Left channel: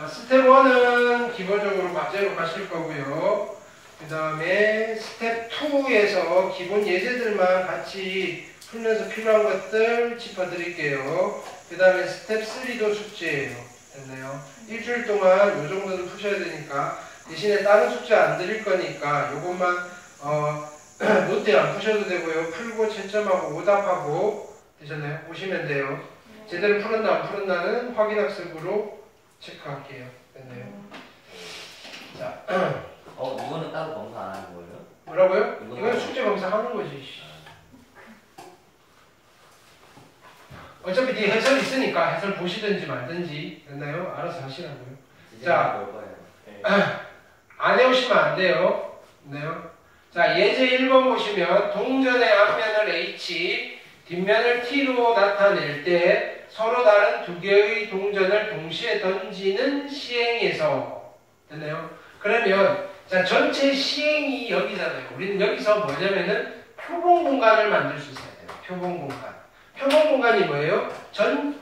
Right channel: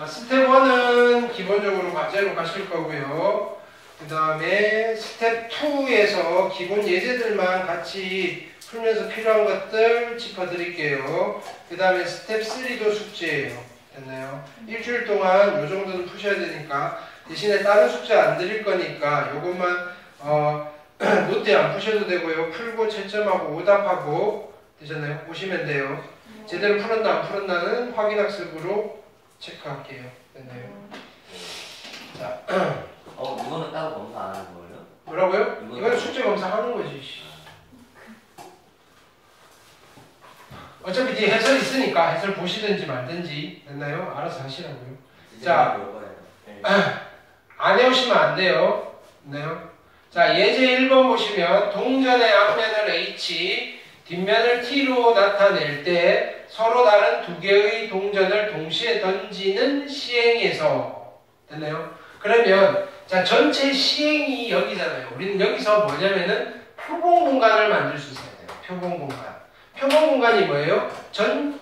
자, 스텝 1은 기본적으로 과제로 가실 거고요. 그 다음에 스텝 2에서 기본 예제들만 같이 풀면서 필요한 것들 짚어드릴게요. 그 다음에 스텝 3도 숙제예요. 됐나요? 일주일 동안 요 정도는 푸셔야 되니까 대신에 다른 숙제 안 드릴 거니까 요것만 노트에 안 푸셔도 되고요. 풀고 채점하고 오답하고 되셨나요? 보시면 돼요. 제대로 풀었나 안 풀었나는 확인학습으로 체크할게요. 됐나요? 자, 이거는 따로 검사 안 하는 거예요? 뭐라고요? 이건 숙제 검사하는 거지. 어차피 뒤에 해설 있으니까 해설 보시든지 말든지 됐나요? 알아서 하시라고요. 자, 안 해오시면 안 돼요. 됐나요? 자, 예제 1번 보시면 동전의 앞면을 H, 뒷면을 T로 나타낼 때 서로 다른 두 개의 동전을 동시에 던지는 시행에서 됐나요? 그러면 자, 전체 시행이 여기잖아요. 우리는 여기서 뭐냐면은 표본 공간을 만들 수 있어야 돼요. 표본 공간. 표본 공간이 뭐예요?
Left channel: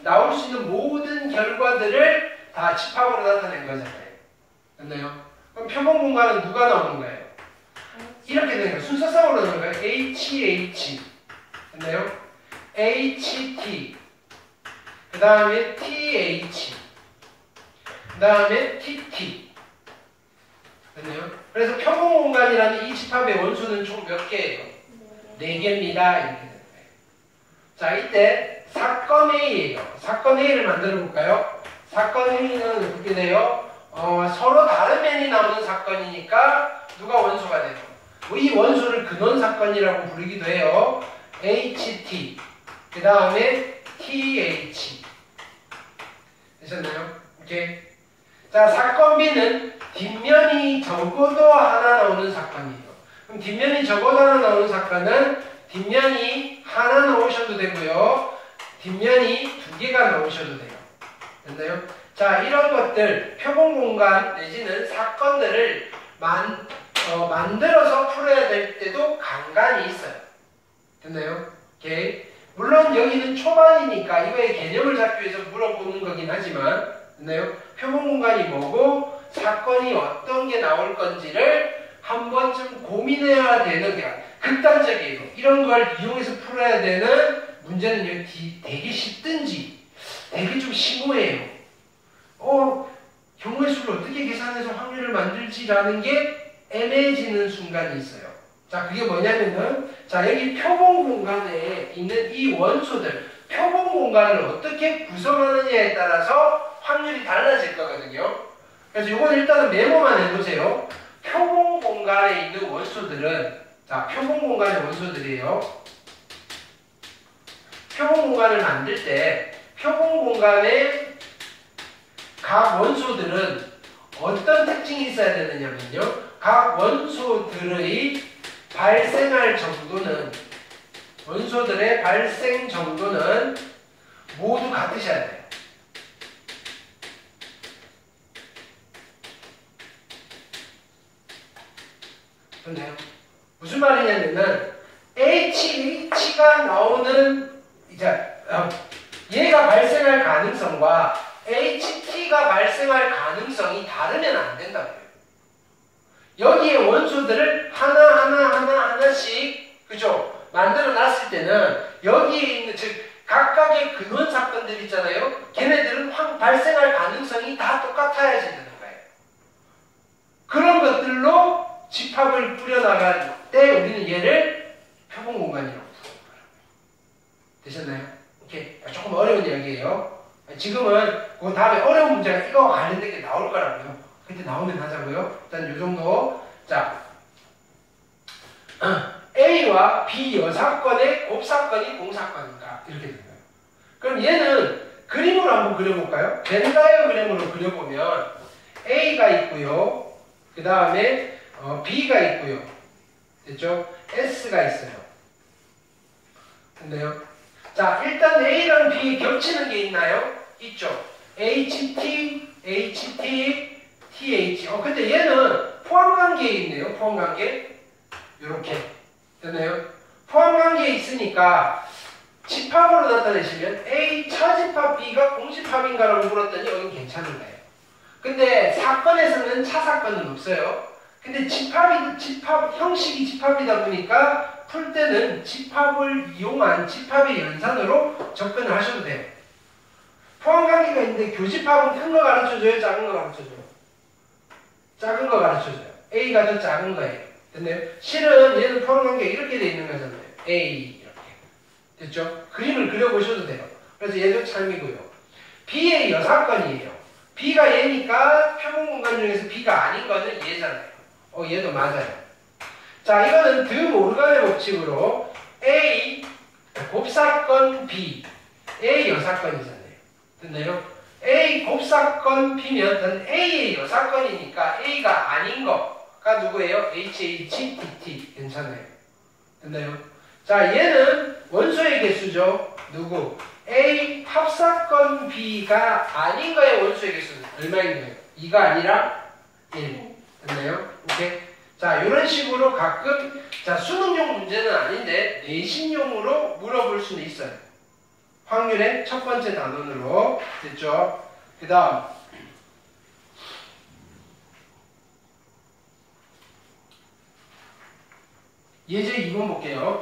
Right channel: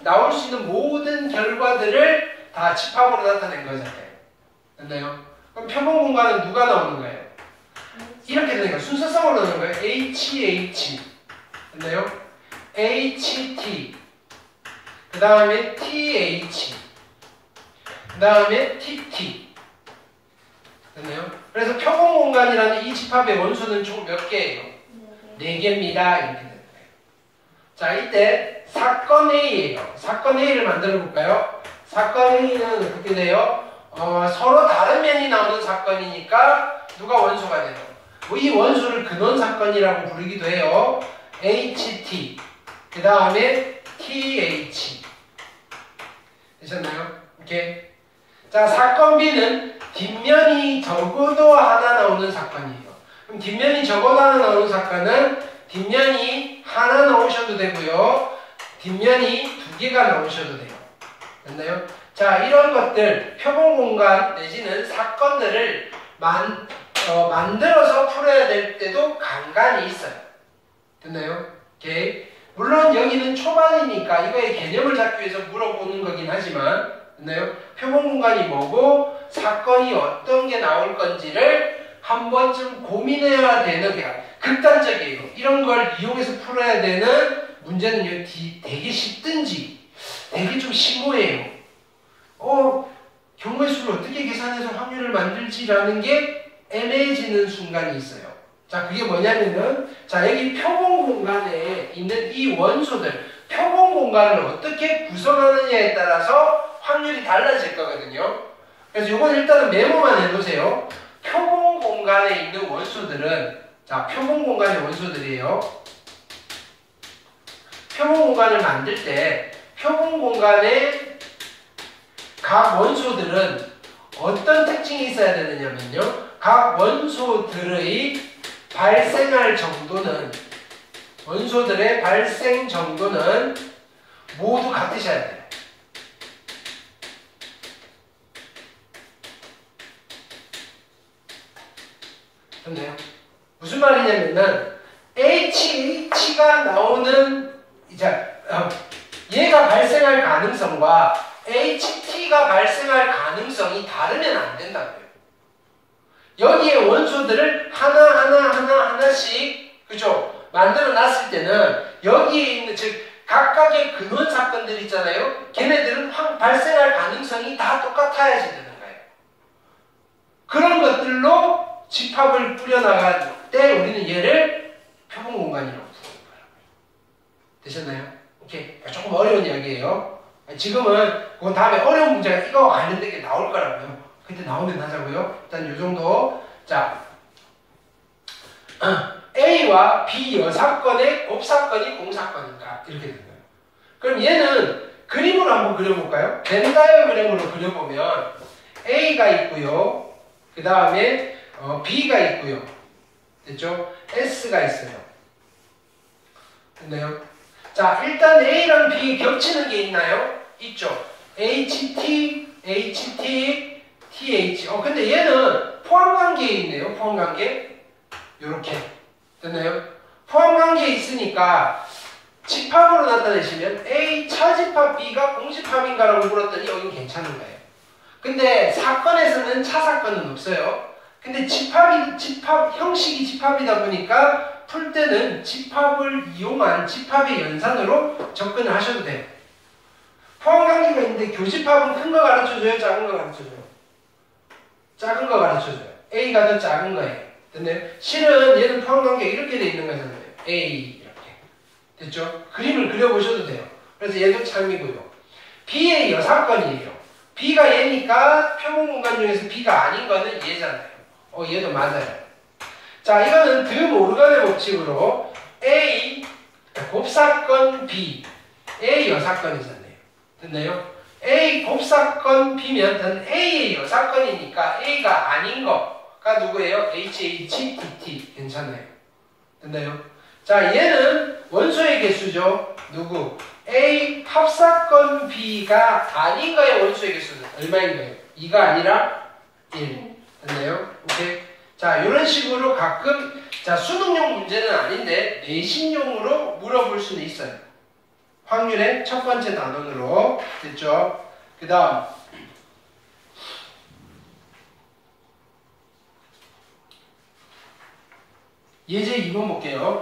나올 수 있는 모든 결과들을 다 집합으로 나타낸 거잖아요. 됐나요? 그럼 표본 공간은 누가 나오는 거예요? 이렇게 되는 거예요. 순서상으로 나오는 거예요. HH. 됐나요? HT. 그 다음에 TH. 그 다음에 TT. 됐나요? 그래서 표본 공간이라는 이 집합의 원수는 총 몇 개예요? 4개입니다. 이렇게 되는 거예요. 자, 이때 사건 A예요. 사건 A를 만들어 볼까요? 사건 A는 어떻게 돼요? 서로 다른 면이 나오는 사건이니까 누가 원수가 돼요? 이 원수를 근원 사건이라고 부르기도 해요. HT. 그 다음에 TH. 되셨나요? 오케이. 자, 사건 B는 뒷면이 적어도 하나 나오는 사건이에요. 그럼 뒷면이 적어도 하나 나오는 사건은 뒷면이 하나 나오셔도 되고요. 뒷면이 2개가 나오셔도 돼요. 됐나요? 자, 이런 것들, 표본 공간 내지는 사건들을 만들어서 풀어야 될 때도 간간이 있어요. 됐나요? 오케이. 물론 여기는 초반이니까 이거의 개념을 잡기 위해서 물어보는 거긴 하지만, 됐나요? 표본 공간이 뭐고 사건이 어떤 게 나올 건지를 한 번쯤 고민해야 되는 게 극단적이에요. 이런 걸 이용해서 풀어야 되는 문제는 되게 쉽든지 되게 좀 심오해요. 경우의 수를 어떻게 계산해서 확률을 만들지라는 게 애매해지는 순간이 있어요. 자, 그게 뭐냐면은 자, 여기 표본 공간에 있는 이 원소들, 표본 공간을 어떻게 구성하느냐에 따라서 확률이 달라질 거거든요. 그래서 이건 일단은 메모만 해두세요. 표본 공간에 있는 원소들은 자, 표본 공간의 원소들이에요. 표본 공간을 만들 때 표본 공간의 각 원소들은 어떤 특징이 있어야 되느냐면요. 각 원소들의 발생할 정도는 원소들의 발생 정도는 모두 같으셔야 돼요. 좋네요. 무슨 말이냐면은 HH가 나오는 얘가 발생할 가능성과 HT가 발생할 가능성이 다르면 안 된다고요. 여기에 원소들을 하나씩 그죠? 만들어 놨을 때는 여기에 있는 즉 각각의 근원 사건들 있잖아요. 걔네들은 발생할 가능성이 다 똑같아야지 되는 거예요. 그런 것들로 집합을 뿌려나갈 때 우리는 얘를 표본 공간이라고 부르는 거예요. 되셨나요? 오케이. 조금 어려운 이야기예요. 지금은 그 다음에 어려운 문제가 이거 관련된 게 나올 거라고요. 그때 나오면 하자고요. 일단 이 정도. 자, A와 B 여사건의 곱사건이 공사건이다. 이렇게 되는 거예요. 그럼 얘는 그림으로 한번 그려볼까요? 벤 다이어그램으로 그려보면 A가 있고요. 그 다음에 B가 있고요. 됐죠? S가 있어요. 됐나요? 자, 일단 A랑 B 겹치는 게 있나요? 있죠. HT, HT, TH. 근데 얘는 포함관계에 있네요. 포함관계. 요렇게. 됐나요? 포함관계에 있으니까 집합으로 나타내시면 A 차집합 B가 공집합인가라고 물었더니 여긴 괜찮은 거예요. 근데 사건에서는 차사건은 없어요. 근데 형식이 집합이다 보니까 풀 때는 집합을 이용한 집합의 연산으로 접근을 하셔도 돼요. 포함관계가 있는데 교집합은 큰 거 가르쳐줘요? 작은 거 가르쳐줘요? 작은 거 가르쳐줘요. A가 더 작은 거예요. 됐나요? 실은 얘는 포함관계가 이렇게 돼 있는 거잖아요. A 이렇게. 됐죠? 그림을 그려보셔도 돼요. 그래서 얘도 참이고요. B의 여사건이에요. B가 얘니까 표본공간 중에서 B가 아닌 거는 얘잖아요. 얘도 맞아요. 자, 이거는 드 모르간의 법칙으로 A 곱사건 B A 여사건이잖아요. 됐나요? A 곱사건 B면 A의 여사건이니까 A가 아닌 거가 누구예요? HHTT 괜찮아요. 됐나요? 자, 얘는 원소의 개수죠. 누구? A 합사건 B가 아닌 거의 원소의 개수는 얼마인 거예요? 2가 아니라 1. 됐나요? 오케이. 자, 이런 식으로 가끔 자 수능용 문제는 아닌데 내신용으로 물어볼 수는 있어요. 확률의 첫 번째 단원으로 됐죠? 그 다음 예제 2번 볼게요.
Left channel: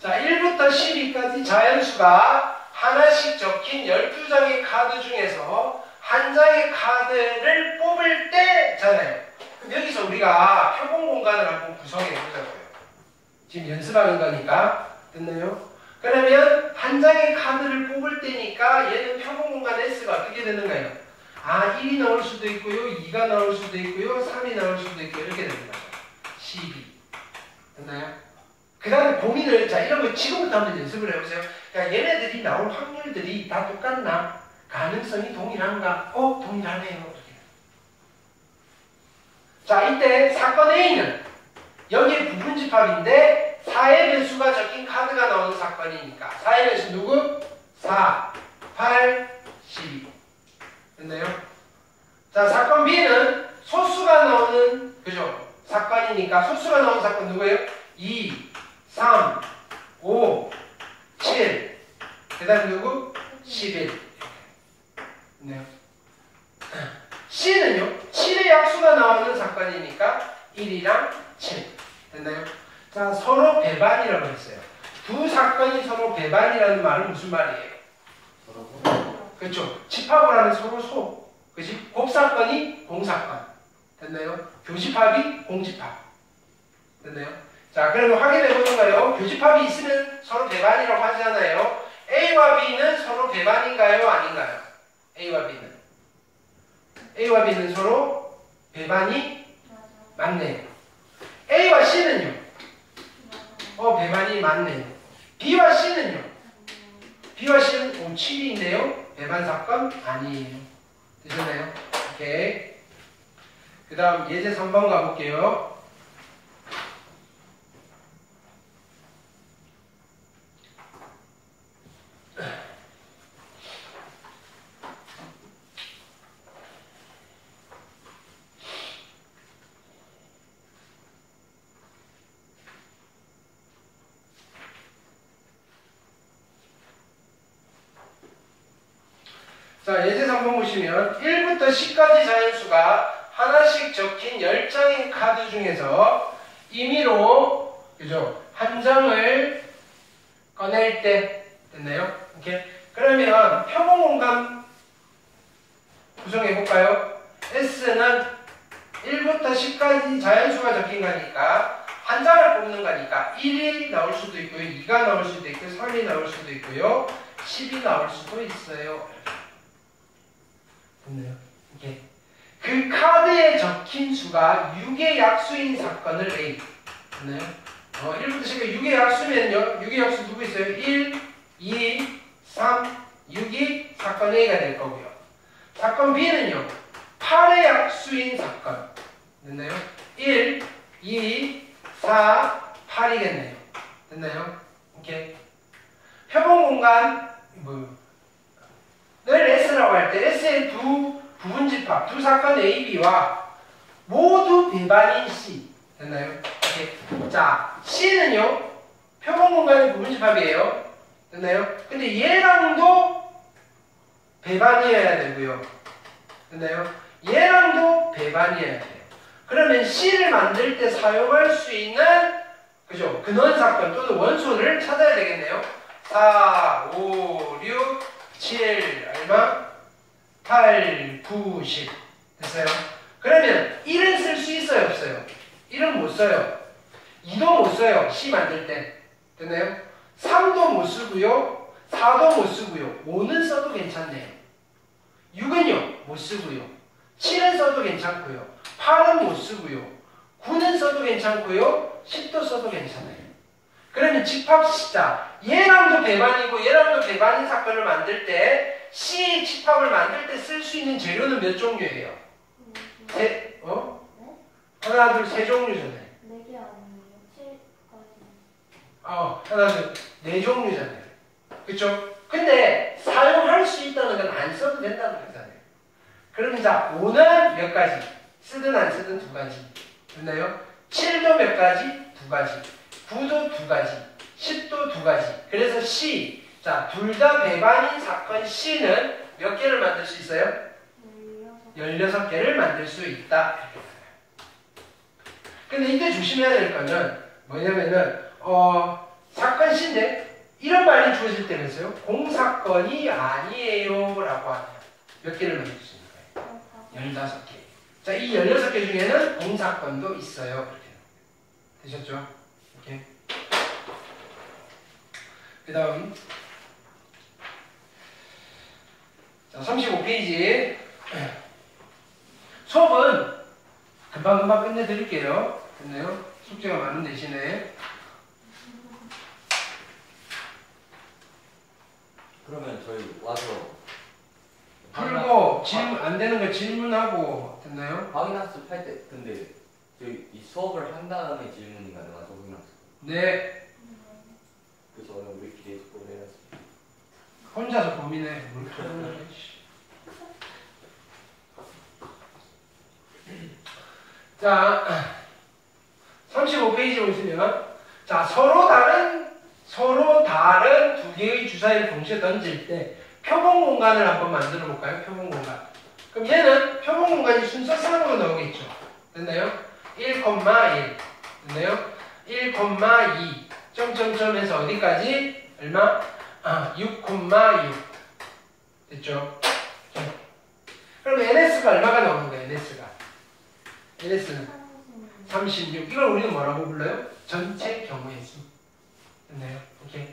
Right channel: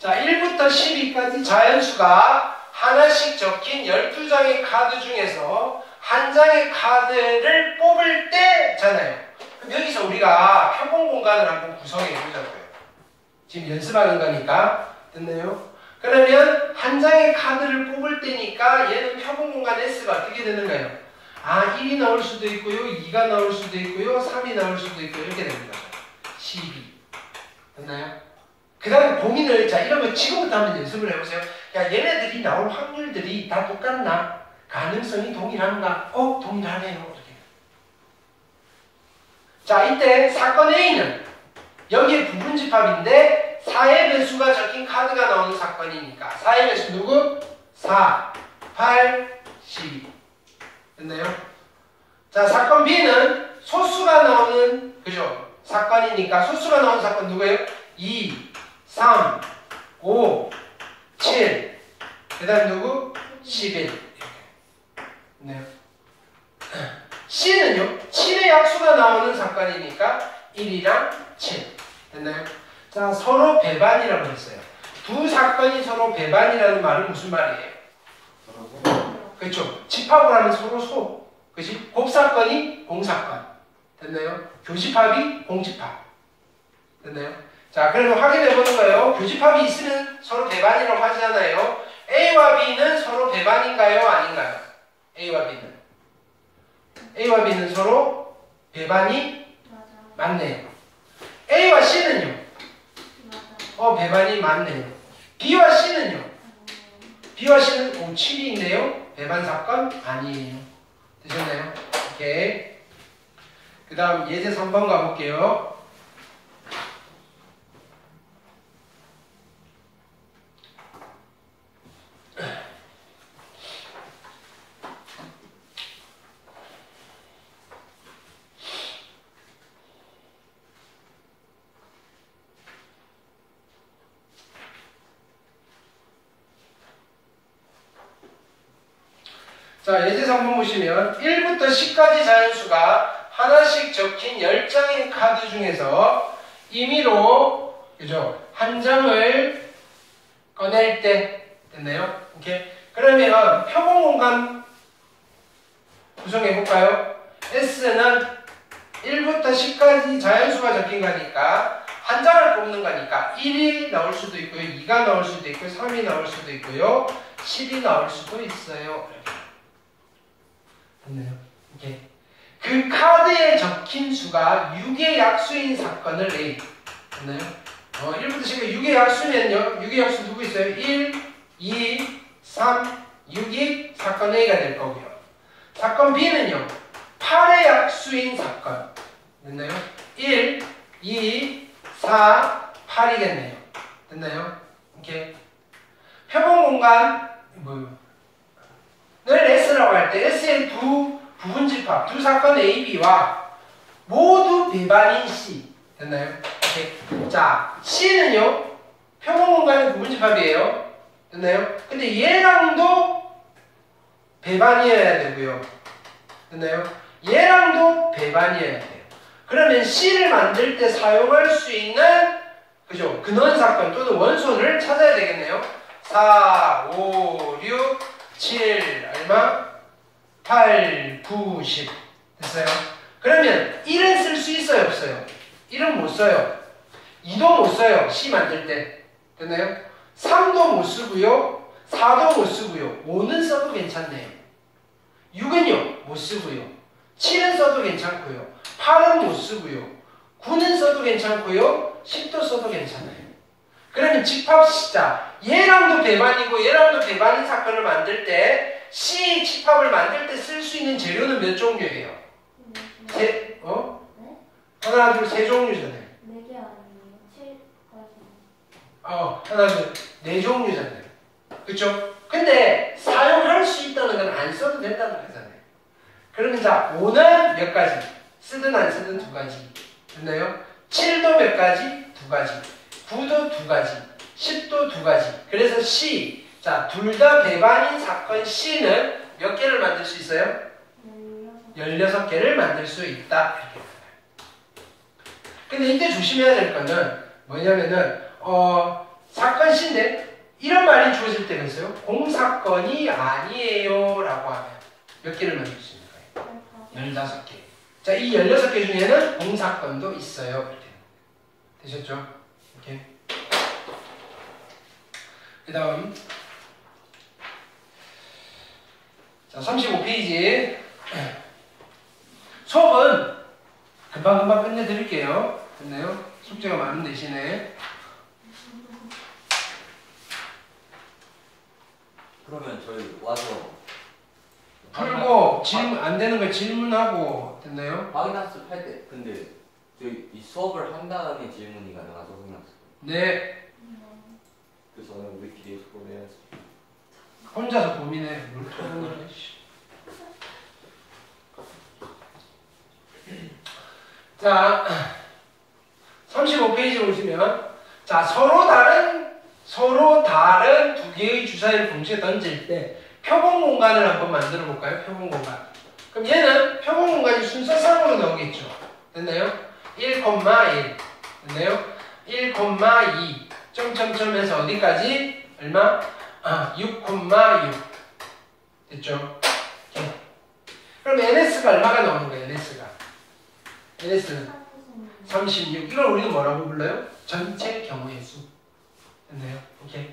자, 1부터 12까지 자연수가 하나씩 적힌 12장의 카드 중에서 한 장의 카드를 뽑을 때잖아요. 그럼 여기서 우리가 표본 공간을 한번 구성해 보자고요. 지금 연습하는 거니까. 됐나요? 그러면 한 장의 카드를 뽑을 때니까 얘는 표본 공간 S가 어떻게 되는가요? 1이 나올 수도 있고요. 2가 나올 수도 있고요. 3이 나올 수도 있고 이렇게 됩니다. 12. 됐나요? 그 다음에 고민을, 자, 이런 거 지금부터 한번 연습을 해보세요. 야, 얘네들이 나올 확률들이 다 똑같나? 가능성이 동일한가? 동일하네요. 이렇게. 자, 이때 사건 A는 여기에 부분집합인데 4의 배수가 적힌 카드가 나오는 사건이니까 4의 배수 누구? 4, 8, 12. 됐나요? 자, 사건 B는 소수가 나오는, 그죠? 사건이니까 소수가 나오는 사건 누구예요? 2, 3, 5, 7. 그 다음 누구? 11. 네. C는요? 7의 약수가 나오는 사건이니까 1이랑 7. 됐나요? 자, 서로 배반이라고 했어요. 두 사건이 서로 배반이라는 말은 무슨 말이에요? 그렇죠. 집합을 하면 서로 소. 그치? 곱사건이 공사건. 됐나요? 교집합이 공집합. 됐나요? 자, 그러면 확인해 보는 거예요. 교집합이 있으면 서로 배반이라고 하잖아요. A와 B는 서로 배반인가요? 아닌가요? A와 B는. A와 B는 서로 배반이 맞네요. A와 C는요? 배반이 맞네요. B와 C는요? B와 C는 7인데요. 배반 사건 아니에요. 되셨나요? 오케이. 그 다음 예제 3번 가볼게요. 자, 예제 3번 보시면 1부터 10까지 자연수가 하나씩 적힌 10장의 카드 중에서 임의로, 그죠? 한 장을 꺼낼 때, 됐나요? 이렇게. 그러면 표본 공간 구성해볼까요? S는 1부터 10까지 자연수가 적힌 거니까 한 장을 뽑는 거니까 1이 나올 수도 있고요. 2가 나올 수도 있고요. 3이 나올 수도 있고요. 10이 나올 수도 있어요. 됐나요? 이렇게. 그 카드에 적힌 수가 6의 약수인 사건을 A. 됐나요? 1부터 10까지 6의 약수면요. 6의 약수 누구 있어요? 1, 2, 3, 6이 사건 A가 될 거고요. 사건 B는요. 8의 약수인 사건. 됐나요? 1, 2, 4, 8이겠네요. 됐나요? 이렇게. 표본 공간, 늘 S라고 할 때 S의 두 부분집합, 두 사건 A, B와 모두 배반인 C. 됐나요? 이렇게. 자, C는요. 표본 공간의 부분집합이에요. 됐나요? 근데 얘랑도 배반이어야 되고요. 됐나요? 얘랑도 배반이어야 돼요. 그러면 C를 만들 때 사용할 수 있는 그죠? 근원사건 또는 원소를 찾아야 되겠네요. 4, 5, 6, 7 얼마? 8, 9, 10 됐어요? 그러면 1은 쓸 수 있어요? 없어요? 1은 못 써요. 2도 못 써요. C 만들 때. 됐나요? 3도 못 쓰고요. 4도 못 쓰고요. 5는 써도 괜찮네요. 6은요? 못 쓰고요. 7은 써도 괜찮고요. 8은 못 쓰고요. 9는 써도 괜찮고요. 10도 써도 괜찮아요. 그러면 집합시자. 얘랑도 배반이고 얘랑도 배반인 사건을 만들 때 C 집합을 만들 때 쓸 수 있는 재료는 몇 종류예요? 하나, 둘, 세 종류잖아요. 4개 아니에요? 7까지. 하나, 둘, 네 종류잖아요. 그쵸? 근데 사용할 수 있다는 건 안 써도 된다는 거잖아요. 그러면 자, 5는 몇 가지? 쓰든 안 쓰든 2가지. 됐나요? 7도 몇 가지? 2가지. 9도 2가지. 10도 2가지. 그래서 C. 자, 둘 다 배반인 사건 C는 몇 개를 만들 수 있어요? 16개를 만들 수 있다. 근데 이때 조심해야 될 거는 뭐냐면은, 사건 C인데, 이런 말이 주어질 때는 있어요. 공사건이 아니에요. 라고 하면 몇 개를 만들 수 있는 거예요? 16개. 자, 이 16개 중에는 공사건도 있어요. 이렇게. 되셨죠? 오케이. 그 다음. 자, 35페이지. 수업은 금방금방 끝내드릴게요. 됐나요? 숙제가 많은 대신에. 그러면 저희 와서 풀고 질문 안 되는 거 질문하고 됐나요? 확인학습 할 때 근데 저희 이 수업을 한 다음에 질문이 가능하죠 확인학습. 네. 그래서 저는 우리끼리 보내서 혼자서 고민해. 뭘 찾는 거야, 씨. 자, 35페이지 보시면 자 서로 다른 두 개의 주사위를 동시에 던질 때 표본 공간을 한번 만들어 볼까요? 표본 공간. 그럼 얘는 표본 공간이 순서상으로 나오겠죠. 됐나요? 1,1 됐나요? 1,2 점점점에서 어디까지? 얼마? 6,6 됐죠? 네. 그럼 NS가 얼마가 나오는 거예요? NS는 36. 이걸 우리는 뭐라고 불러요? 전체 경우의 수. 됐나요? 오케이.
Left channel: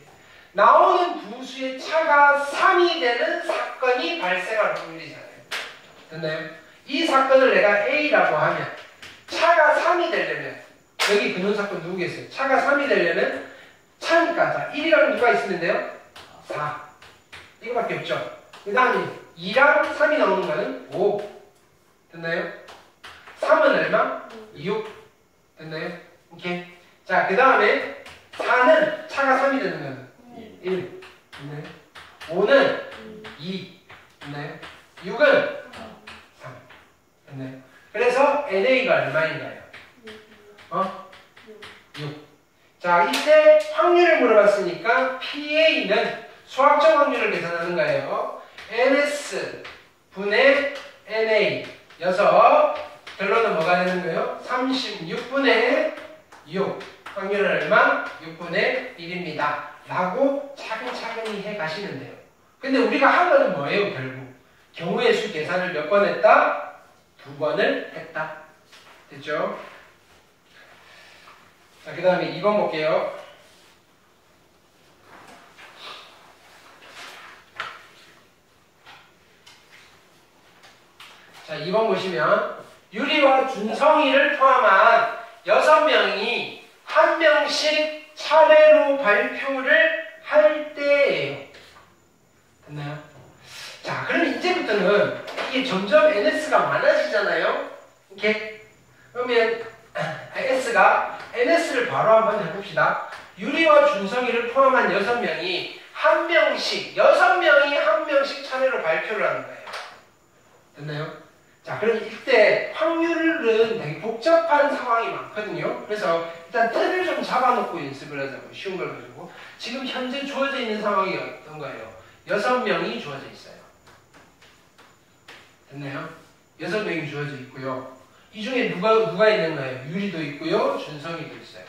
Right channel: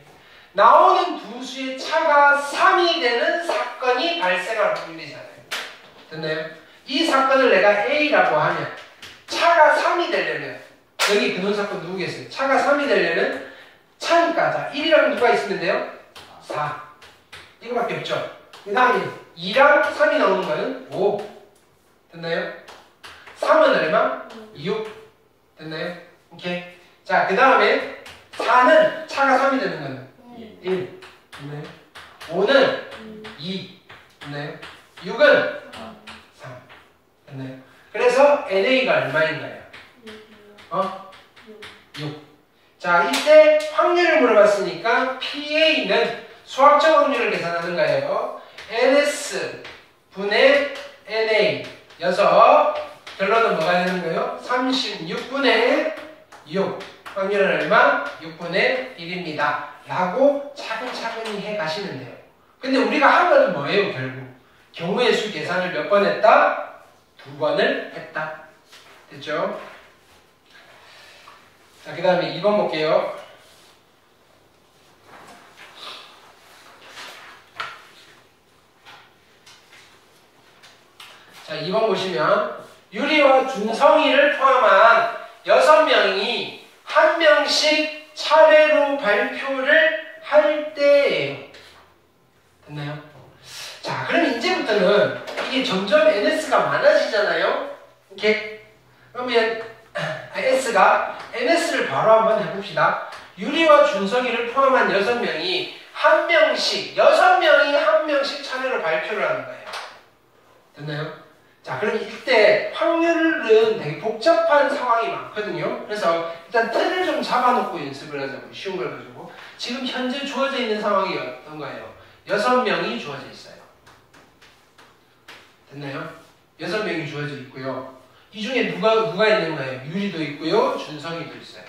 나오는 두 수의 차가 3이 되는 사건이 발생할 확률이잖아요. 됐나요? 이 사건을 내가 A라고 하면 차가 3이 되려면 여기 근원사건 누구겠어요? 차가 3이 되려면 차니까 자 1이랑 누가 있으면 돼요? 4. 이거밖에 없죠. 그 다음에 2랑 3이 나오는 거는 5. 됐나요? 3은 얼마? 6. 됐나요? 오케이. 자, 그 다음에 4는 차가 3이 되는 거는 1. 됐나요? 5는 2. 됐나요? 6은 3. 됐나요? 그래서 NA가 얼마인가요? 6. 자, 이때 확률을 물어봤으니까 PA는 수학적 확률을 계산하는 거예요. NS 분의 NA 여서 결론은 뭐가 되는 거예요? 36분의 6 확률은 얼마? 6분의 1입니다. 라고 차근차근히 해 가시면 돼요. 근데 우리가 한 거는 뭐예요? 결국 경우의 수 계산을 몇 번 했다? 2번을 했다. 됐죠? 자, 그 다음에 2번 볼게요. 자, 2번 보시면 유리와 준성이를 포함한 6명이 한 명씩 차례로 발표를 할 때예요. 됐나요? 자, 그럼 이제부터는 이게 점점 NS가 많아지잖아요. 이렇게 그러면 NS를 바로 한번 해봅시다. 유리와 준성이를 포함한 6명이 한 명씩 6명이 한 명씩 차례로 발표를 하는 거예요. 됐나요? 자, 그럼 이때 확률은 되게 복잡한 상황이 많거든요. 그래서 일단 틀을 좀 잡아놓고 연습을 하자고. 쉬운 걸 가지고. 지금 현재 주어져 있는 상황이 어떤 거예요? 6명이 주어져 있어요. 됐나요? 6명이 주어져 있고요. 이 중에 누가 있는 거예요? 유리도 있고요. 준성이도 있어요.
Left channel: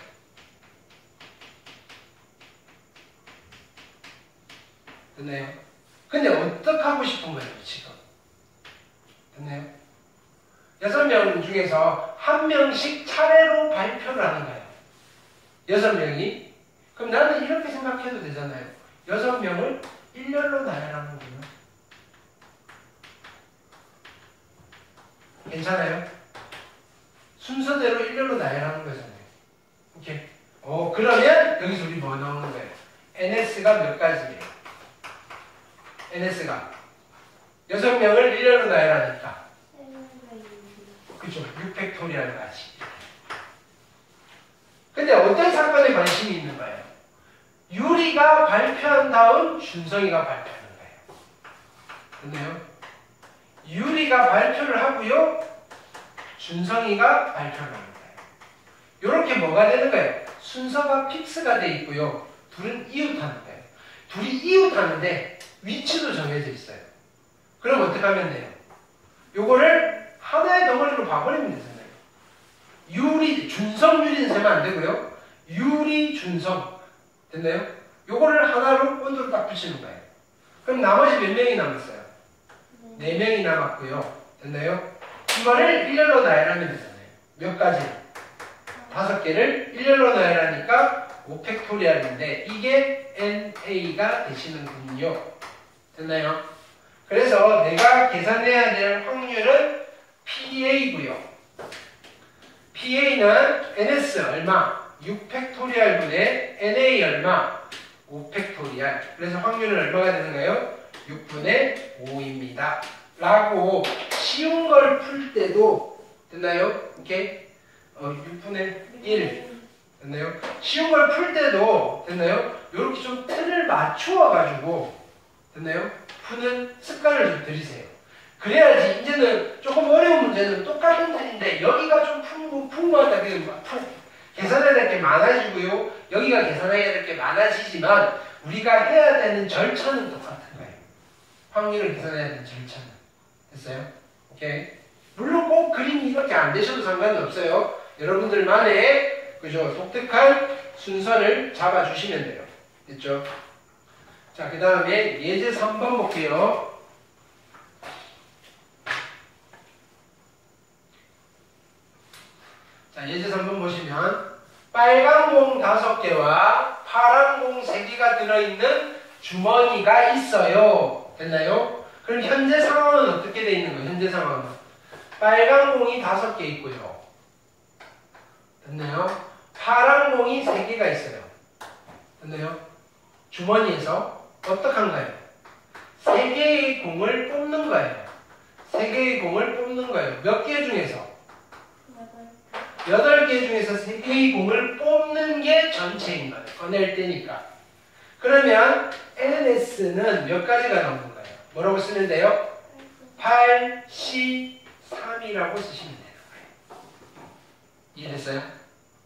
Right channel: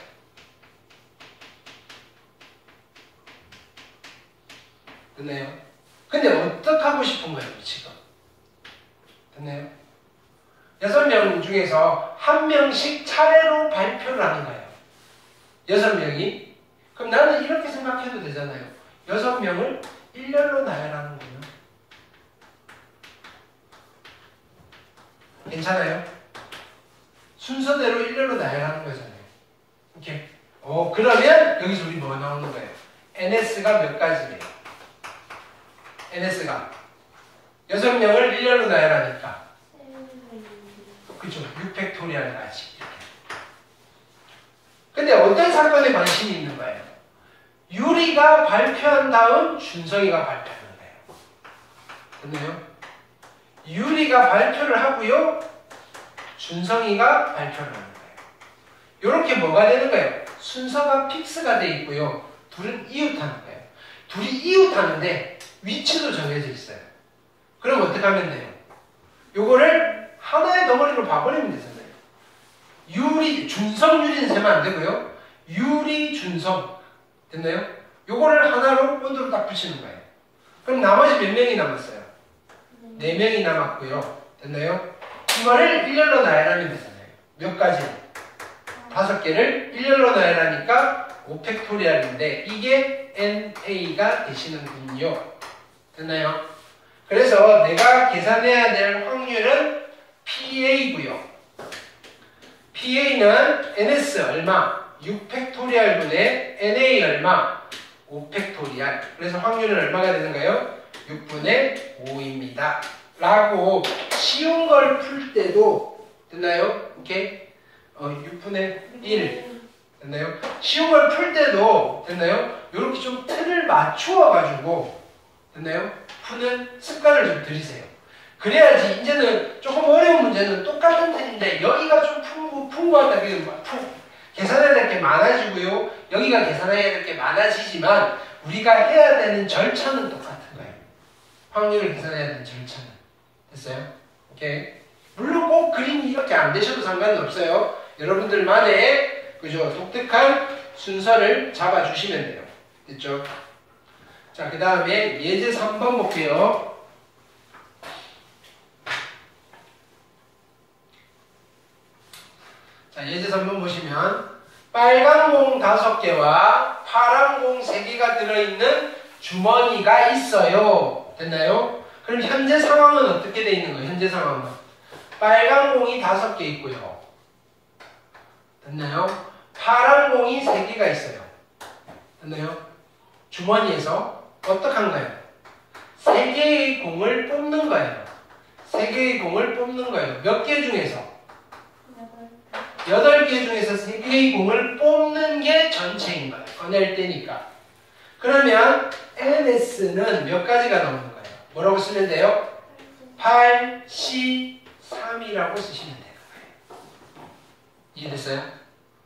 됐나요? 근데 어떻게 하고 싶은 거예요, 지금? 됐나요? 6명 중에서 1명씩 차례로 발표를 하는 거예요. 6명이. 그럼 나는 이렇게 생각해도 되잖아요. 6명을 일렬로 나열하는 거예요. 괜찮아요? 순서대로 일렬로 나열하는 거잖아요. 오케이. 그러면 여기서 우리 뭐 나오는 거예요? NS가 몇 가지래요? NS가 6명을 일렬로 나열하니까 그죠? 6팩토리얼까지. 근데 어떤 사건에 관심이 있는 거예요? 유리가 발표한 다음 준성이가 발표하는 거예요. 됐나요? 유리가 발표를 하고요. 준성이가 발표를 하는 거예요. 이렇게 뭐가 되는 거예요? 순서가 픽스가 돼 있고요. 둘은 이웃하는 거예요. 둘이 이웃하는데 위치도 정해져 있어요. 그럼 어떻게 하면 돼요? 요거를 하나의 덩어리로 봐버리면 되잖아요. 유리, 준성, 유리는 세면 안 되고요. 유리, 준성. 됐나요? 요거를 하나로 본드로 딱 붙이는 거예요. 그럼 나머지 몇 명이 남았어요? 4명이 남았고요. 됐나요? 이거를 일렬로 나열하면 되잖아요. 몇 가지? 5개를 일렬로 나열하니까 5팩토리얼인데 이게 NA가 되시는군요. 됐나요? 그래서 내가 계산해야 될 확률은 PA고요. PA는 NS 얼마? 6팩토리얼분의 NA 얼마? 5팩토리얼. 그래서 확률은 얼마가 되는가요? 6분의 5입니다. 라고 쉬운 걸 풀 때도 됐나요? 이렇게 6분의 1 됐나요? 쉬운 걸 풀 때도 됐나요? 이렇게 좀 틀을 맞추어 가지고 됐나요? 푸는 습관을 좀 들이세요. 그래야지 이제는 조금 어려운 문제는 똑같은 틀인데 여기가 좀 풍부하다. 계산해야 될 게 많아지고요. 여기가 계산해야 될 게 많아지지만 우리가 해야 되는 절차는 똑같은 거예요. 확률을 계산해야 되는 절차는. 됐어요? 오케이. 물론 꼭 그림이 이렇게 안 되셔도 상관은 없어요. 여러분들만의 그죠? 독특한 순서를 잡아주시면 돼요. 됐죠? 자, 그 다음에 예제 3번 볼게요. 자, 예제 3번 보시면 빨간 공 5개와 파란 공 3개가 들어있는 주머니가 있어요. 됐나요? 그럼 현재 상황은 어떻게 돼 있는 거예요? 현재 상황은 빨간 공이 5개 있고요. 됐나요? 파란 공이 3개가 있어요. 됐나요? 주머니에서 어떻게 한가요? 3개의 공을 뽑는 거예요. 3개의 공을 뽑는 거예요. 몇 개 중에서? 8개 중에서 3개의 공을 뽑는 게 전체인 거예요. 꺼낼 때니까. 그러면 NS는 몇 가지가 나오는 거예요? 뭐라고 쓰면 돼요? 8, C, 3이라고 쓰시면 돼요. 이해됐어요?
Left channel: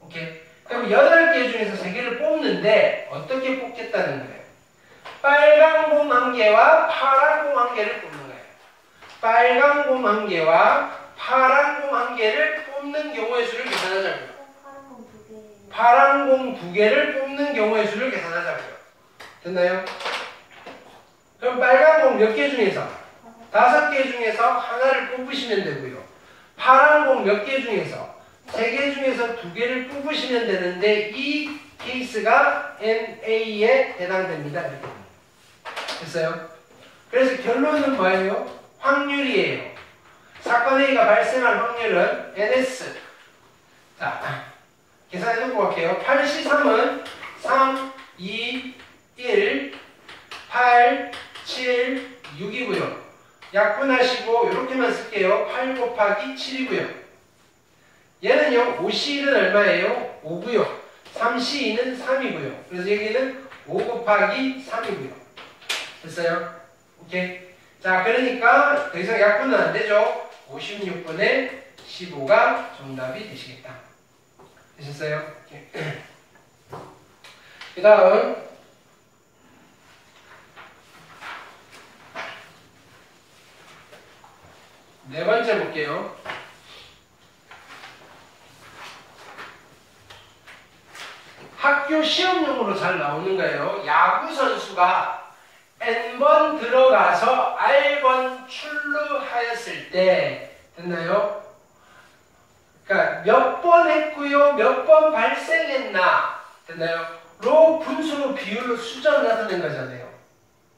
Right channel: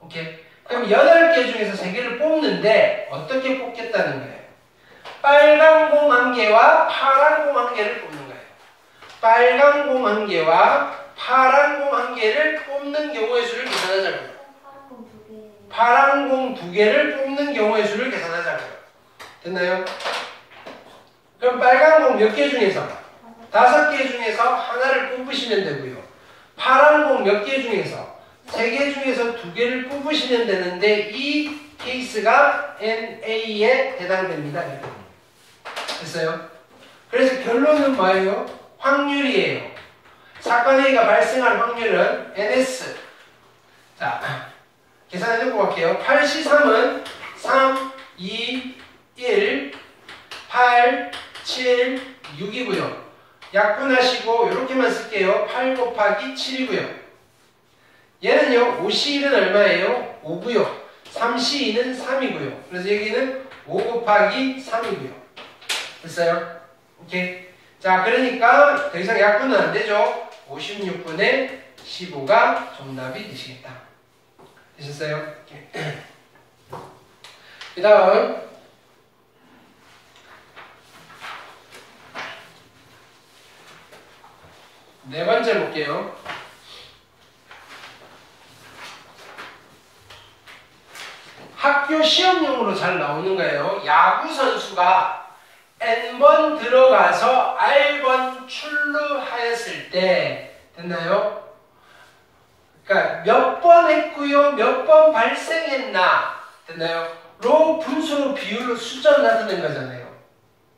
오케이. 그럼 8개 중에서 3개를 뽑는데 어떻게 뽑겠다는 거예요? 빨간 공 1개와 파란 공 1개를 뽑는 거예요. 빨간 공 1개와 파란 공 1개를 뽑는 경우의 수를 계산하자고요. 파란 공 2개를 뽑는 경우의 수를 계산하자고요. 됐나요? 그럼 빨간 공 몇 개 중에서? 5개 중에서 하나를 뽑으시면 되고요. 파란 공 몇 개 중에서? 3개 중에서 2개를 뽑으시면 되는데 이 케이스가 NA에 해당됩니다. 이렇게. 됐어요? 그래서 결론은 뭐예요? 확률이에요. 사건 A가 발생할 확률은 NS. 자, 계산해보고 갈게요. 8C3은 3, 2, 1, 8, 7, 6이고요. 약분하시고 이렇게만 쓸게요. 8 곱하기 7이고요. 얘는요. 5C1은 얼마예요? 5고요. 3C2는 3이고요. 그래서 여기는 5 곱하기 3이고요. 됐어요? 오케이. 자, 그러니까 더 이상 약분은 안 되죠. 56분의 15가 정답이 되시겠다. 되셨어요? 그 다음 네 번째 볼게요. 학교 시험용으로 잘 나오는 거예요. 야구 선수가 N번 들어가서 R번 출루하였을 때 됐나요? 그러니까 몇 번 했고요, 몇 번 발생했나 됐나요? 로 분수로 비율로 숫자로 나타낸 거잖아요.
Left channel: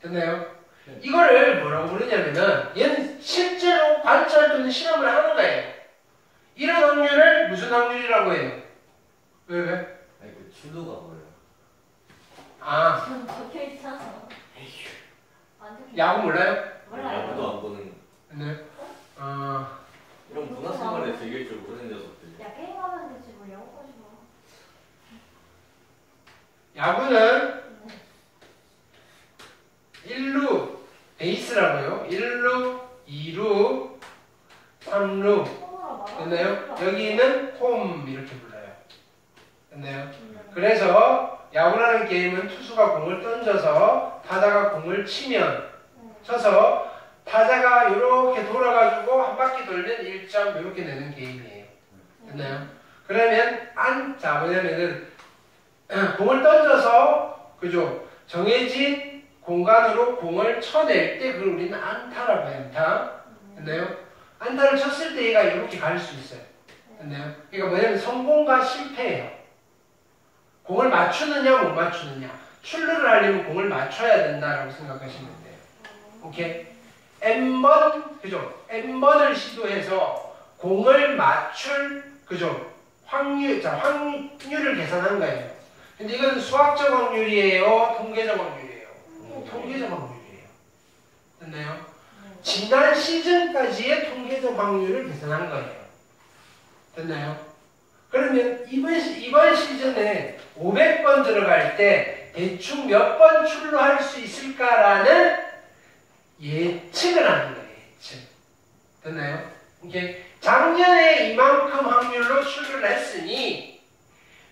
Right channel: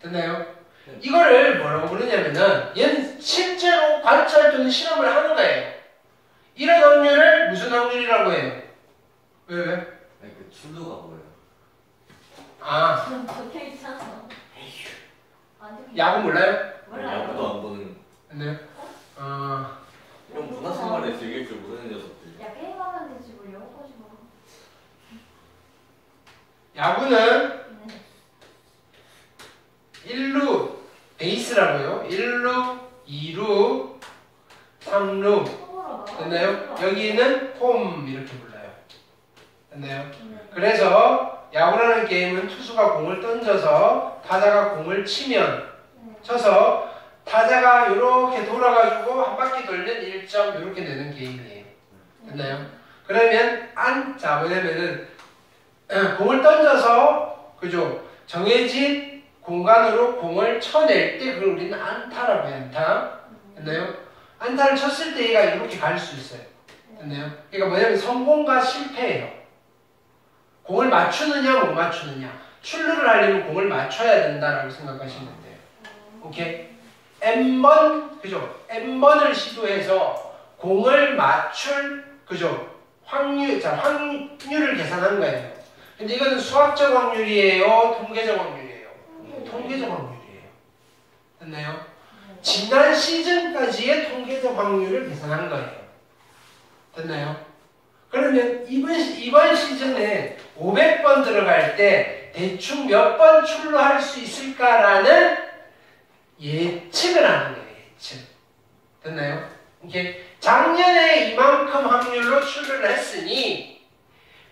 됐나요? 이거를 뭐라고 부르냐면은 얘는 실제로 관찰 또는 실험을 하는 거예요. 이런 확률을 무슨 확률이라고 해요? 왜? 아니 그 출루가 뭐예요? 아, 전 적혀 있잖아. 안 적혀. 야구 몰라요? 몰라요. 야구도 안 보는 네. 이런 문화생활에 즐길 줄 모르는 녀석들. 야 게임하면 되지 뭘 영어까지 봐. 야구는 네. 1루 베이스라고요. 1루, 2루, 3루. 홈으로 나가. 됐나요? 여기는 홈 이렇게 불러요. 됐나요? 네. 그래서 야구라는 게임은 투수가 공을 던져서 타자가 공을 치면 네. 쳐서 타자가 이렇게 돌아가지고 한 바퀴 돌면 1점 이렇게 내는 게임이에요. 됐나요? 그러면 자 뭐냐면은 공을 던져서 그죠? 정해진 공간으로 공을 쳐낼 때 그걸 우리는 안타라고 해요. 안타. 됐나요? 안타를 쳤을 때 얘가 이렇게 갈 수 있어요. 됐나요? 그러니까 뭐냐면 성공과 실패예요. 공을 맞추느냐 못 맞추느냐. 출루를 하려면 공을 맞춰야 된다라고 생각하시면 돼요. 오케이? N번 그죠? N번을 시도해서 공을 맞출 그죠? 확률을 계산한 거예요. 근데 이건 수학적 확률이에요? 통계적 확률이에요? 통계적 확률이에요. 됐나요? 지난 시즌까지의 통계적 확률을 계산한 거예요. 됐나요? 그러면 이번 시즌에 500번 들어갈 때 대충 몇 번 출루할 수 있을까라는 예측을 하는 거예요. 예측. 됐나요? 이게 작년에 이만큼 확률로 출루를 했으니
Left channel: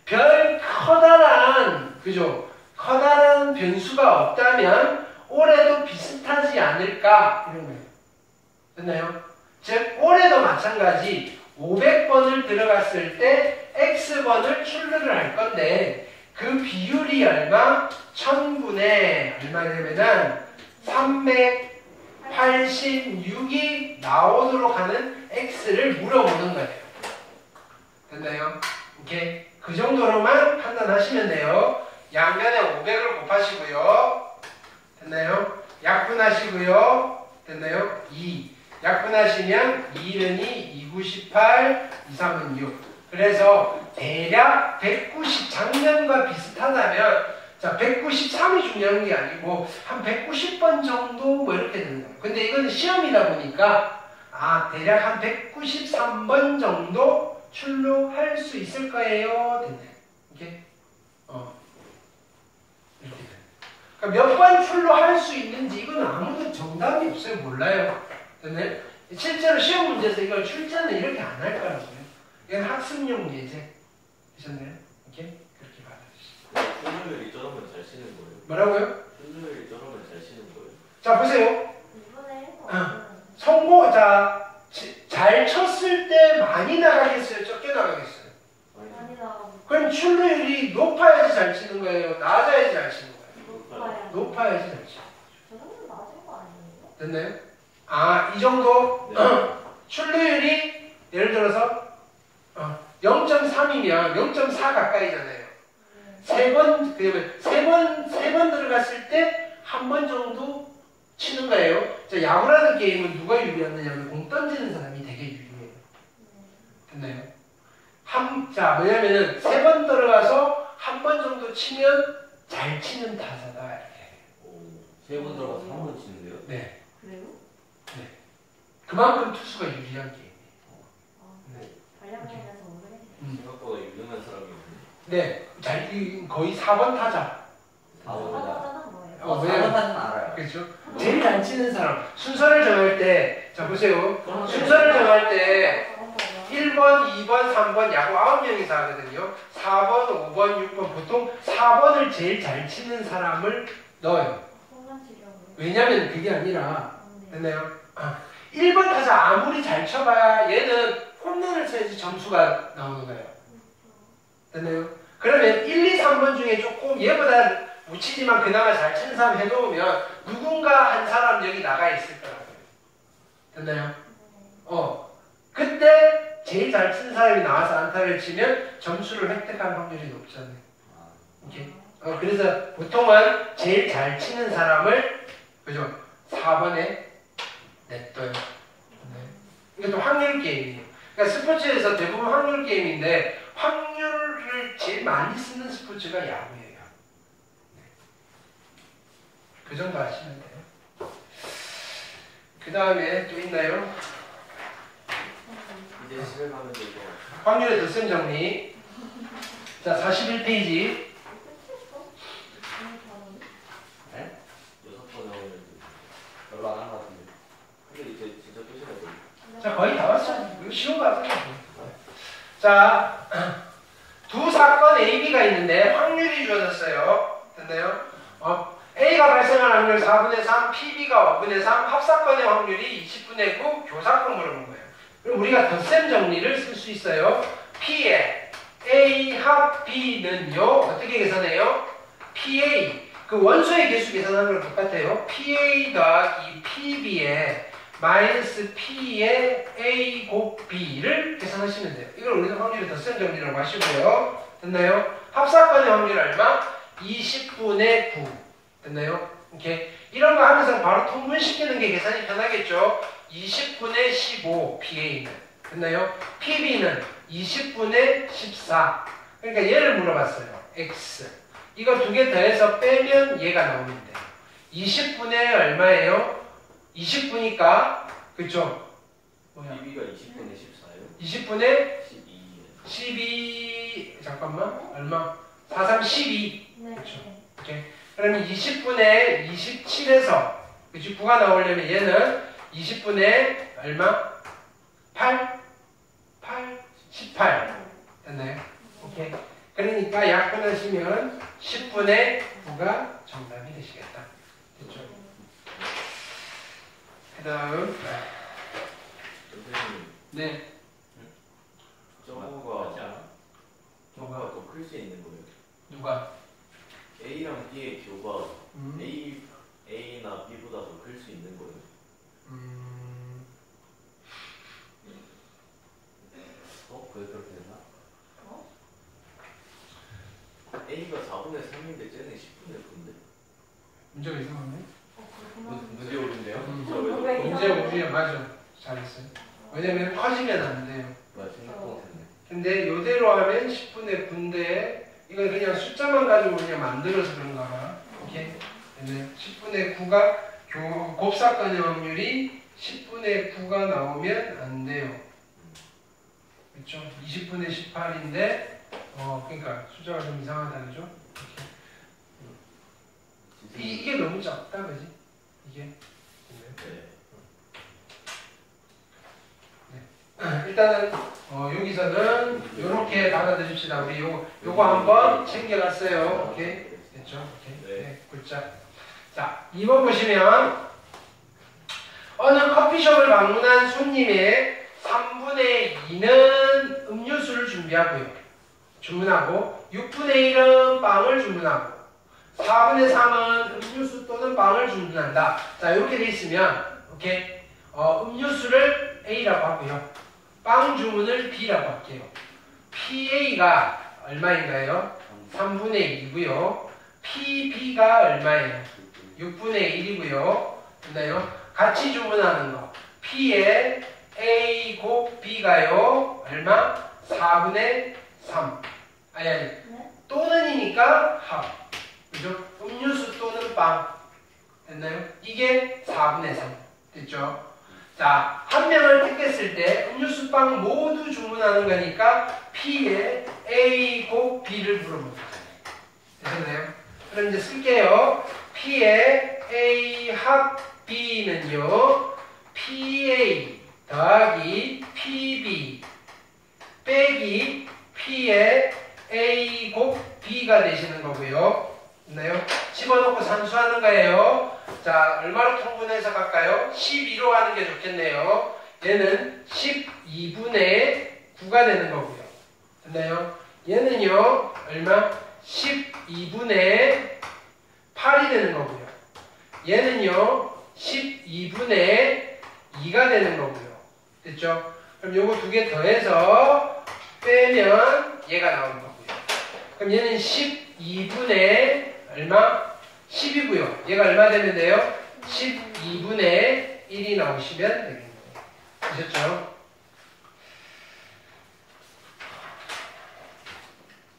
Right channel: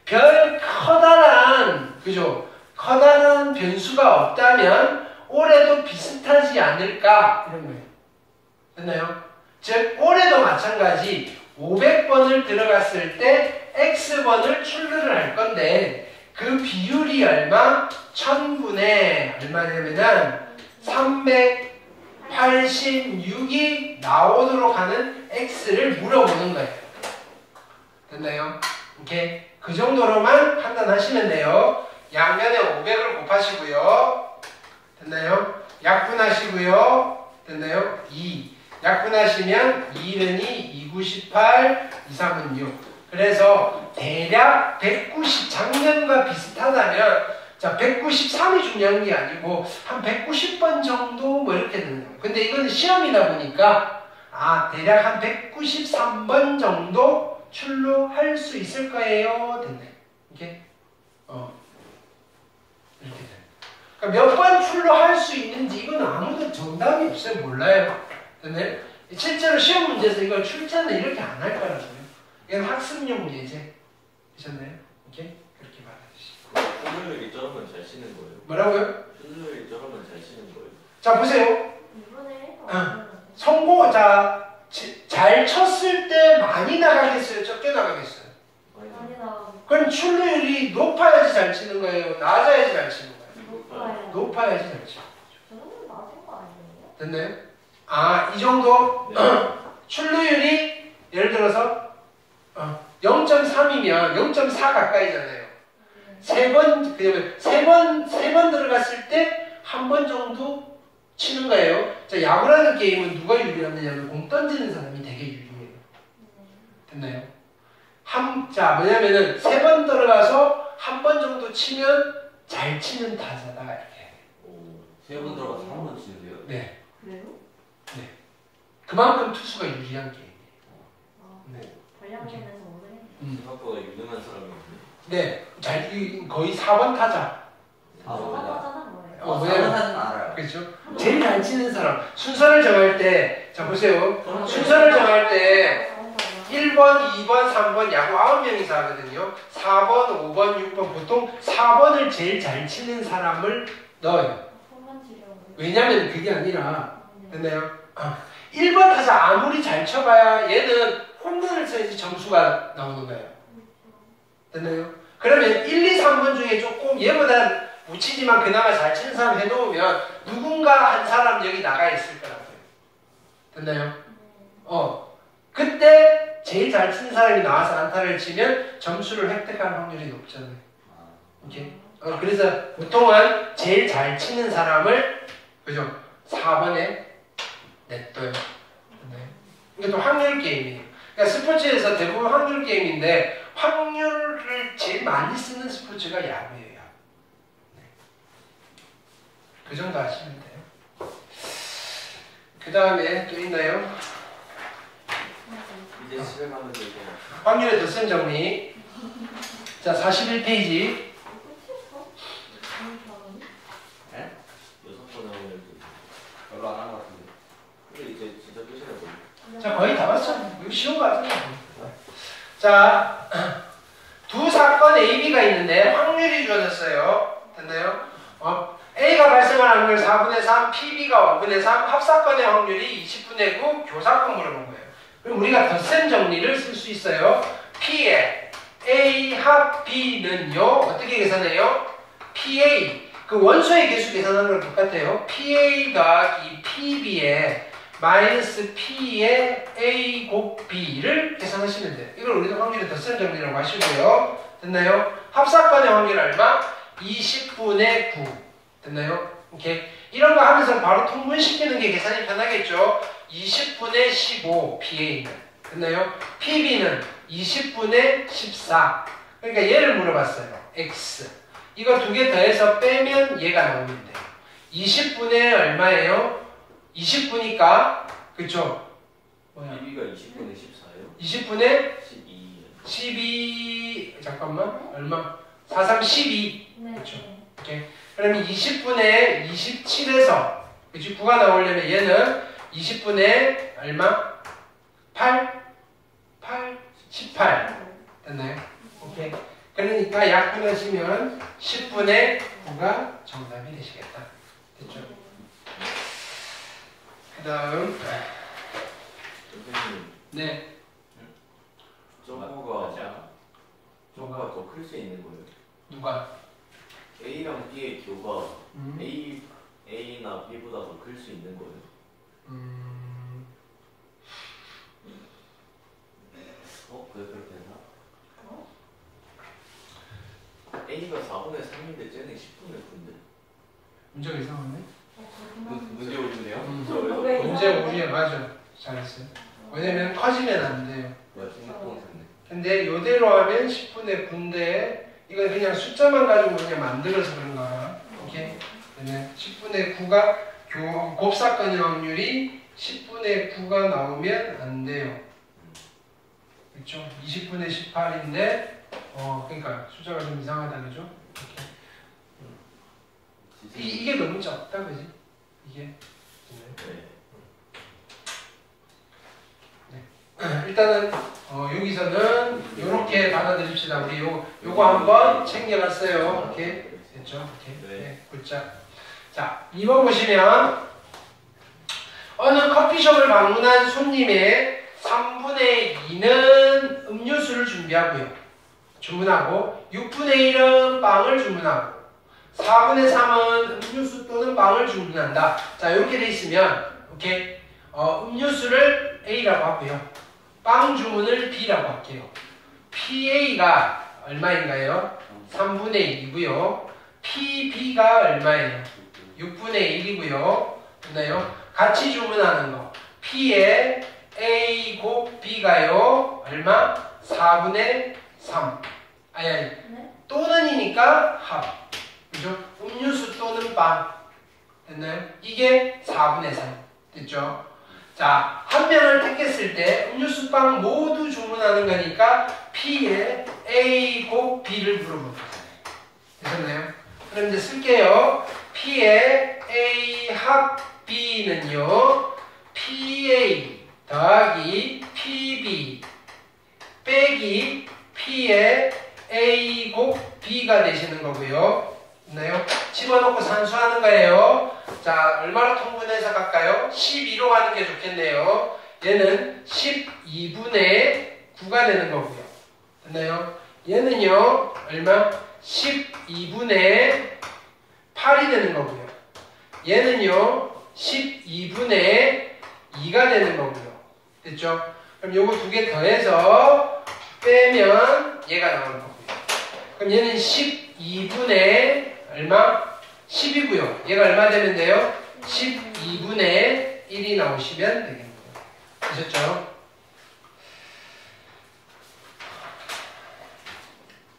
별 커다란 그죠? 커다란 변수가 없다면 올해도 비슷하지 않을까 이런 거예요. 됐나요? 즉 올해도 마찬가지 500번을 들어갔을 때 X번을 출루를 할 건데 그 비율이 얼마? 1000분의 얼마냐면은 386이 나오도록 하는 X를 물어보는 거예요. 됐나요? 오케이. 그 정도로만 판단하시면 돼요. 양면에 500을 곱하시고요. 됐나요? 약분하시고요. 됐나요? 2. 약분하시면 2는 2, 2, 9, 18, 2, 3은 6. 그래서 대략 190, 작년과 비슷하다면 자 193이 중요한 게 아니고 한 190번 정도 뭐 이렇게 되는 거예요. 근데 이건 시험이다 보니까 대략 한 193번 정도 출루할 수 있을 거예요. 됐네. 이렇게 이렇게 돼. 그러니까 몇 번 출루할 수 있는지 이건 아무도 정답이 없어요. 몰라요. 됐네. 실제로 시험 문제에서 이걸 출제는 이렇게 안 할 거라고요. 이건 학습용 예제. 되셨나요? 오케이? 그렇게 받아주시고. 출루율이 저러면 잘 치는 거예요? 뭐라고요? 출루율이 저러면 잘 치는 거예요? 자 보세요. 2분의 1거 성공 잘 쳤을 때 많이 나가겠어요? 적게 나가겠어요? 많이 나가고 그럼 출루율이 높아야지 잘 치는 거예요? 낮아야지 잘 치는 거예요? 높아요. 높아야지 잘 치는 거예요. 저 정도 낮은 거 아니에요? 됐나요? 이 정도 네. 출루율이 예를 들어서 0.3이면 0.4 가까이잖아요. 세 번 들어갔을 때 한 번 정도 치는 거예요. 자, 야구라는 게임은 누가 유리하느냐면 공 던지는 사람이 되게 유리해요. 됐나요? 뭐냐면은 세 번 들어가서 한 번 정도 치면 잘 치는 타자다 이렇게. 세 번 들어가서 한 번 치는데요? 네. 그래요? 그만큼 투수가 유리한 게임이에요. 네. 전략면에서 모르겠네. 생각보다 유능한 사람이 네. 거의 4번 타자. 4번이다. 저는 뭐예요? 4번 타는 알아요. 그렇죠? 제일 잘 치는 사람. 순서를 정할 때 자 보세요. 순서를 정할 때 1번, 2번, 3번 야구 9명이서 하거든요. 4번, 5번, 6번 보통 4번을 제일 잘 치는 사람을 넣어요. 왜냐면 그게 아니라 됐나요? 1번 타자 아무리 잘 쳐봐야 얘는 홈런을 쳐야지 점수가 나오는 거예요. 됐나요? 그러면 1, 2, 3번 중에 조금 얘보다 못 치지만 그나마 잘 치는 사람 해놓으면 누군가 한 사람 여기 나가 있을 거라고요. 됐나요? 그때 제일 잘 치는 사람이 나와서 안타를 치면 점수를 획득할 확률이 높잖아요. 오케이? 그래서 보통은 제일 잘 치는 사람을 그죠? 4번에 냅둬요. 이게 또 확률 게임이에요. 그러니까 스포츠에서 대부분 확률 게임인데 확률을 제일 많이 쓰는 스포츠가 야구예요. 그 정도 하시면 돼요. 그 다음에 또 있나요? 이제 집에 가면 되고. 확률의 덧셈 정리. 자, 41페이지. 네? 6번 나오면 별로 안 한 것 같은데. 근데 이제 진짜 끝이나 보니. 자, 거의 다 왔어요. 이거 쉬운 거 같은데. 자, 두 사건 AB가 있는데 확률이 주어졌어요. 됐나요? A가 발생할 확률 4분의 3, PB가 5분의 3, 합사건의 확률이 20분의 9, 교사건 물어본 거예요. 그럼 우리가 덧셈 정리를 쓸 수 있어요. P의 A 합 B는요, 어떻게 계산해요? PA, 그 원소의 개수 계산하는 거랑 똑같아요. PA 더하기 PB의 마이너스 P의 A 곱 B를 계산하시면 돼요. 이걸 우리가 확률의 덧셈 정리라고 하시고요. 됐나요? 합사건의 확률 얼마? 20분의 9. 됐나요? 이렇게 이런 거 하면서 바로 통분시키는 게 계산이 편하겠죠? 20분의 15 PA는 됐나요? PB는 20분의 14. 그러니까 얘를 물어봤어요. X. 이거 두 개 더해서 빼면 얘가 나오면 돼요. 20분의 얼마예요? 20분이니까 그쵸? PB가 20분의 14예요? 20분의 12예요. 12 잠깐만 얼마? 4, 3, 12 네. 그쵸? 오케이. 그러면 20분의 27에서 그치? 9가 나오려면 얘는 20분의 얼마? 8? 18 됐나요? 오케이. 그러니까 약분하시면 10분의 9가 정답이 되시겠다. 됐죠? 그 다음 선생님, 네. 점프가 더 클 수 있는 거예요? 누가? A랑 B의 교가 A나 B보다 더 클 수 있는 거예요? 그래 그렇게 되나? A가 4분의 3인데 쟤는 10분의 9인데? 문제가 이상하네? 문제 오른데요? 문제 오류에 맞아. 잘했어요. 왜냐면 커지면 안 돼요. 생각보다 됐네. 근데 요대로 하면 10분의 9인데 이건 그냥 숫자만 가지고 그냥 만들어서 그런 거야. 오케이? 10분의 9가 곱사건의 확률이 10분의 9가 나오면 안 돼요. 그렇죠? 20분의 18인데 그러니까 숫자가 좀 이상하다 그죠? 이게 너무 작다 그지? 이게 네. 일단은 여기서는 이렇게 받아들입시다. 우리 요거 한번 챙겨갔어요. 오케이? 됐죠? 오케이. 네. 굿자. 자, 2번 보시면 어느 커피숍을 방문한 손님의 3분의 2는 음료수를 주문하고 6분의 1은 빵을 주문하고 4분의 3은 음료수 또는 빵을 주문한다. 자, 이렇게 돼 있으면 오케이? 음료수를 A라고 하고요. 빵 주문을 B라고 할게요. PA가 얼마인가요? 3분의 2고요. PB가 얼마예요? 6분의 1이고요. 됐나요? 같이 주문하는 거. P의 A 곱 B가요. 얼마? 4분의 3. 아니. 또는이니까 합. 그죠? 음료수 또는 빵. 됐나요? 이게 4분의 3. 됐죠? 자, 한 명을 택했을 때 음료수 빵 모두 주문하는 거니까 P의 A 곱 B를 물어볼 거예요. 됐나요? 그럼 이제 쓸게요. P의 A 합 B는요. PA 더하기 PB 빼기 P의 A 곱 B가 되시는 거고요. 됐나요? 집어넣고 산수하는 거예요. 자, 얼마로 통분해서 갈까요? 12로 가는 게 좋겠네요. 얘는 12분의 9가 되는 거고요. 됐나요? 얘는요, 얼마? 12분의 8이 되는 거고요. 얘는요, 12분의 2가 되는 거고요. 됐죠? 그럼 요거 두 개 더해서 빼면 얘가 나오는 거고요. 그럼 얘는 12분의 얼마? 10이고요. 얘가 얼마 되는데요? 12분의 1이 나오시면 되겠네요. 아셨죠?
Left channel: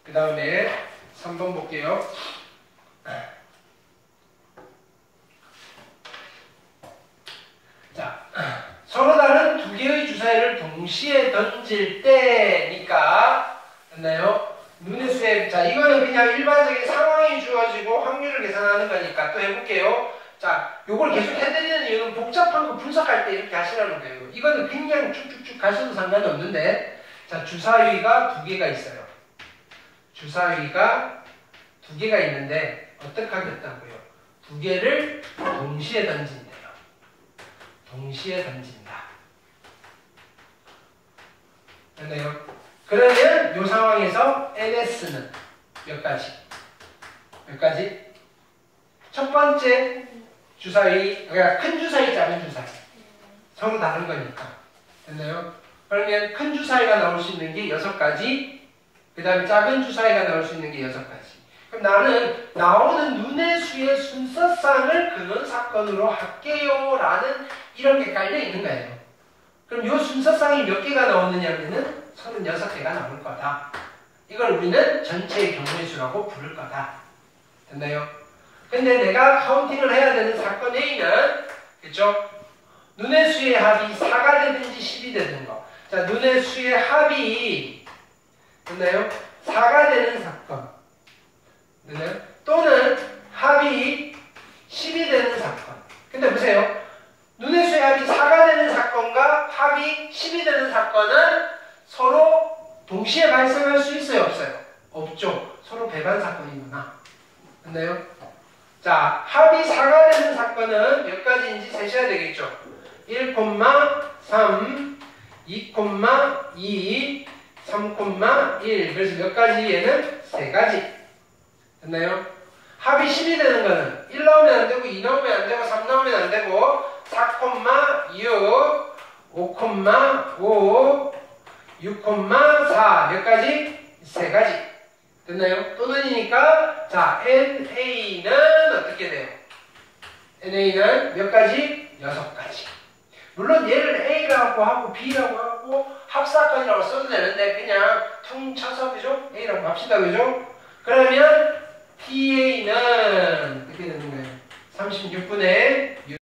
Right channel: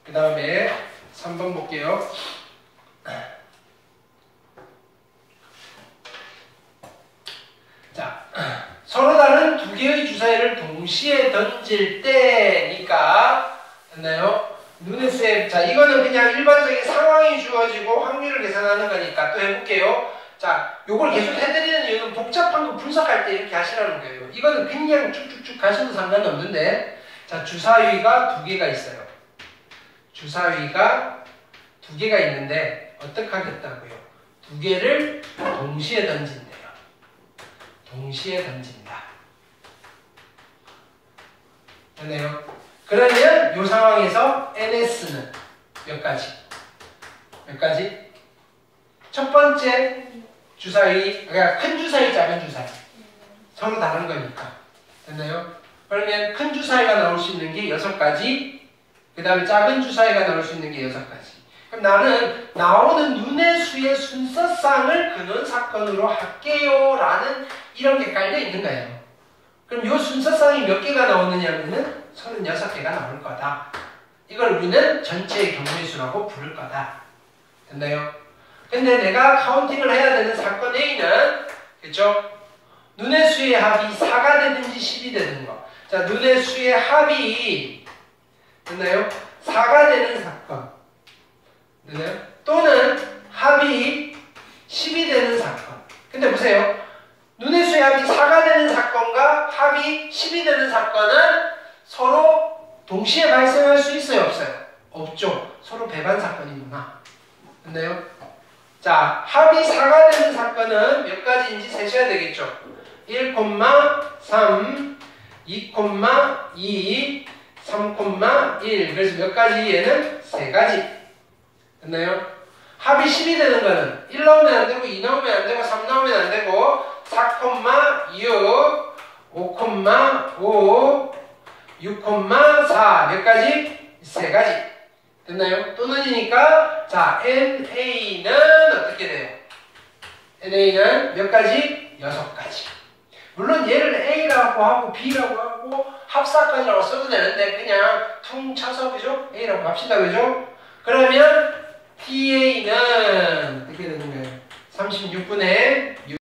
그 다음에 3번 볼게요. 자, 서로 다른 두 개의 주사위를 동시에 던질 때니까 됐나요? 눈의 수에 자 이거는 그냥 일반적인 상황이 주어지고 확률을 계산하는 거니까 또 해볼게요. 자, 요걸 계속 해드리는 이유는 복잡한 거 분석할 때 이렇게 하시라는 거예요. 이거는 그냥 쭉쭉쭉 가셔도 상관이 없는데 자, 주사위가 두 개가 있어요. 주사위가 두 개가 있는데 어떻게 하겠다고요? 두 개를 동시에 던진대요. 동시에 던진다. 됐나요? 그러면 이 상황에서 NS는 몇 가지? 몇 가지? 첫 번째 주사위, 그러니까 큰 주사위, 작은 주사위. 서로 다른 거니까. 됐나요? 그러면 큰 주사위가 나올 수 있는 게 6가지, 그 다음에 작은 주사위가 나올 수 있는 게 6가지. 그럼 나는 나오는 눈의 수의 순서상을 근원 사건으로 할게요 라는 이런 게 깔려 있는 거예요. 그럼 이 순서상이 몇 개가 나오느냐면은 36개가 나올 거다. 이걸 우리는 전체의 경우의 수라고 부를 거다. 됐나요? 근데 내가 카운팅을 해야 되는 사건 A는 그쵸? 눈의 수의 합이 4가 되든지 10이 되는 거. 자, 눈의 수의 합이 됐나요? 4가 되는 사건. 됐나요? 또는 합이 10이 되는 사건. 근데 보세요. 눈의 수의 합이 4가 되는 사건과 합이 10이 되는 사건은 서로 동시에 발생할 수 있어요? 없어요? 없죠. 서로 배반 사건이구나. 됐나요? 자, 합이 4가 되는 사건은 몇 가지인지 세셔야 되겠죠. 1,3, 2,2, 3,1. 그래서 몇 가지? 얘는 3가지. 됐나요? 합이 10이 되는 거는 1 나오면 안 되고 2 나오면 안 되고 3 나오면 안 되고 4,6, 5,5, 6,4 몇 가지? 3가지. 됐나요? 또는이니까 자 NA는 어떻게 돼요? NA는 몇 가지? 6가지. 물론 얘를 A라고 하고 B라고 하고 합사까지라고 써도 되는데 그냥 퉁 쳐서 그죠? A라고 합시다 그죠? 그러면 PA는 어떻게 되는 거예요? 36분의